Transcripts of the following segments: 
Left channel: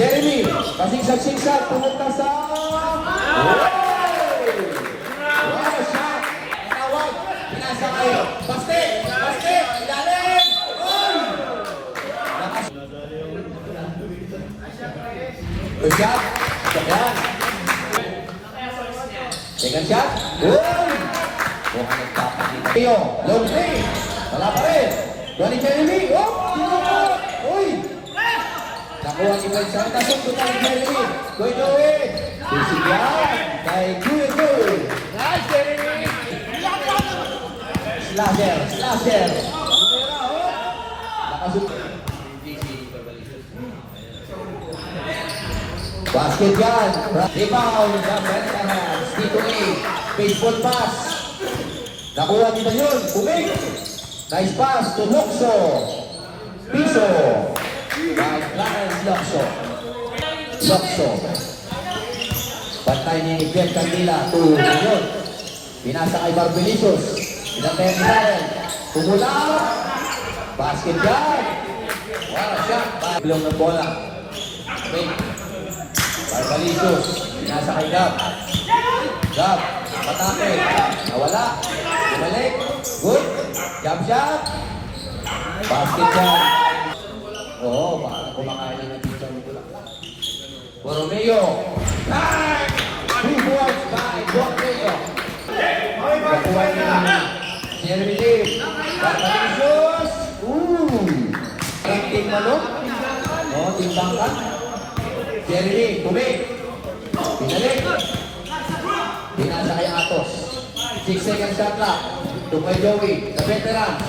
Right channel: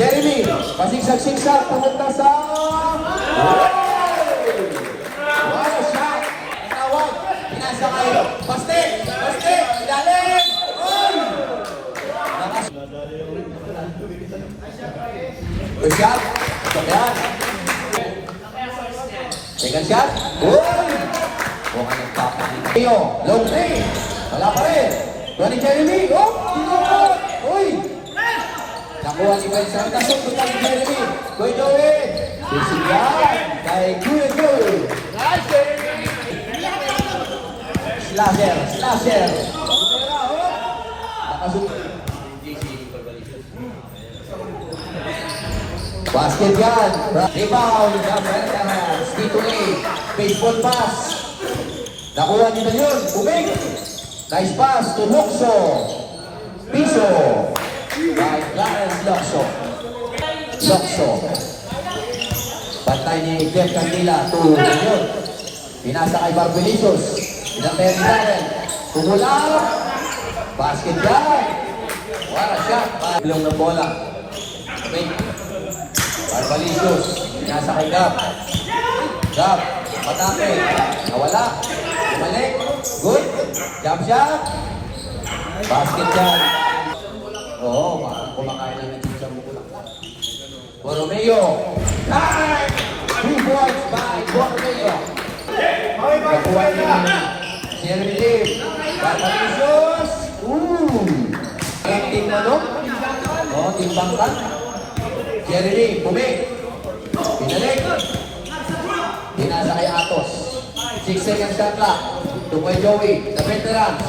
Jeremy, pasingsak-singsak, pumunta sa... Wala siya. Tawag, pinasa kayo. Basket, ilalim. Shot, sabihan. Second shot. Huwag nagpapalito. Laundry, wala pa rin. Donny Jeremy, nakuha si Juan Santos, puta ni Jeremy. Joey. Bisigan kay Joey. Slasher. Basket yan. Rebound. Dito baseball pass. Nakuha nito yun. Bumig. Nice pass to Luxo. Piso. Luxo. Pantay ni Jen Candila. Pinasa kay Barbalicious. Pinatay ni Darren. Pumula. Basket yan. Wow, shot. Blong na bola. Barbalicious. Pinasa kay Gab. Atake. Nawala. Pinalik. Good. Jump shot. Basket yan. Oo, kumakain na dito. Borromeo. Jeremy Lee. Barbalicious. Team na no? Team bangka. Jeremy Lee. Bumig. Pinalik. Pinasa kay Atos. 6 seconds shot lang. Tukoy Joey. The veteran.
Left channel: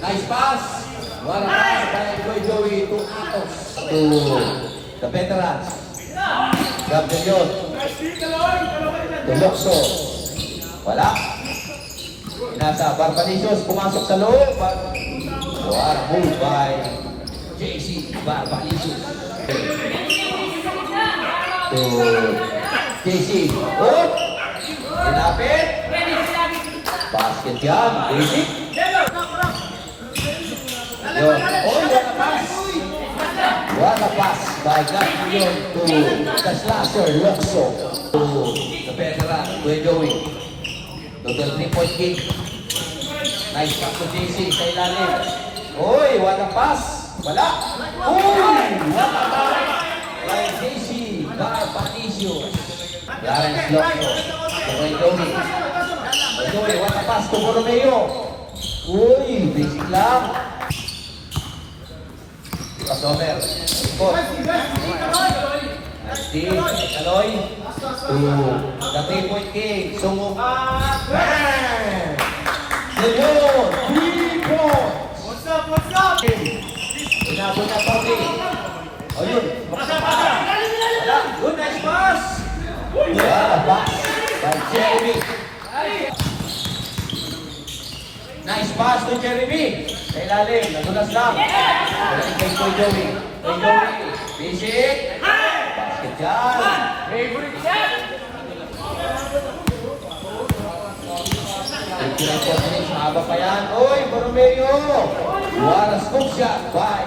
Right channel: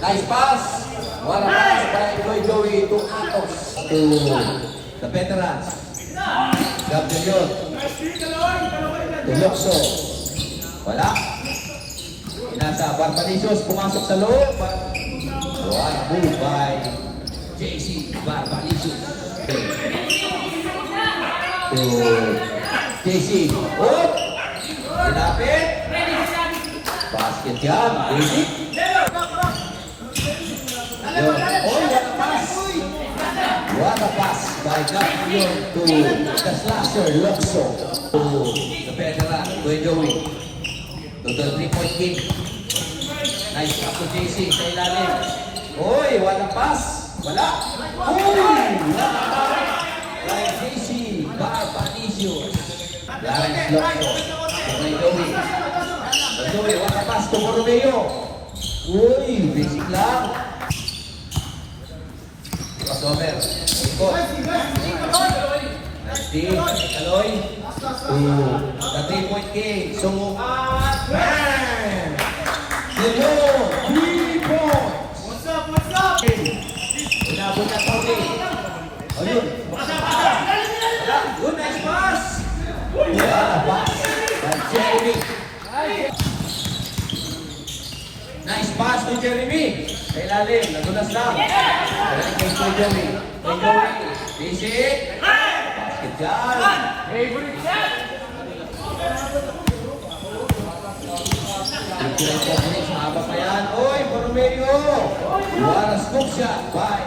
Nice pass. Wala pass kay Tukoy Joey to Atos. To the veterans. Gabriel. To Luxo. Wala. Nasa Barbalicious. Pumasok sa loob. What move by JC Barbalicious. To JC. Pinapit. Basket yan. Basic. What a pass by Gabriel to the slasher Luxo. To the veteran, to Joey. To the 3-point kick. Nice pass to JC sa ilalim. What a pass. Wala. Wala pass. By JC Barbalicious. Yan, Luxo. To Joey. Joey, what a pass to Borromeo. Basic lang. Passover. Ikot. Steve, Aloy. The 3-point game. Sungong. Lilo. 3 points. What's up? Inabot na Pauli. Ayun. Good, nice pass. Pass. That's Jeremy. Nice pass to Jeremy. Kay lalim, nadulas lang. Kay Joey. Visit. Basket dyan. Favorite yan. Tignan po ulit, mahaba pa yan. Borromeo. What a scoop shot by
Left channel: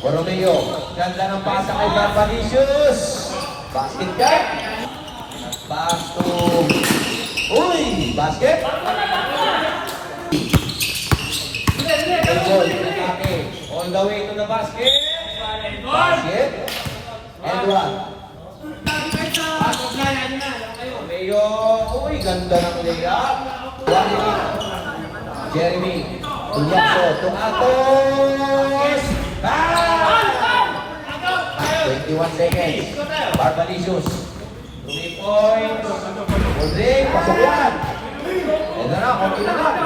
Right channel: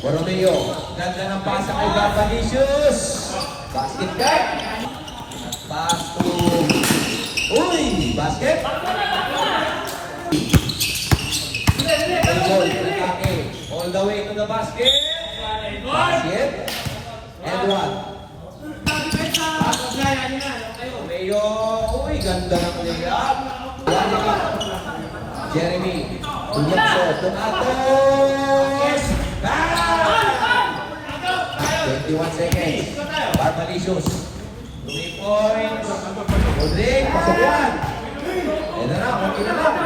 Borromeo. Ganda ng pasa kay Barbalicious. Basket back. Pass to... basket. All the way to the basket. Basket. Edward. Mayo. Ganda ng layup. Jeremy. Tuliakso. Tumatos. 21 seconds. Barbalicious. 3 points. Pasok yan. Ayan na, konti na lang.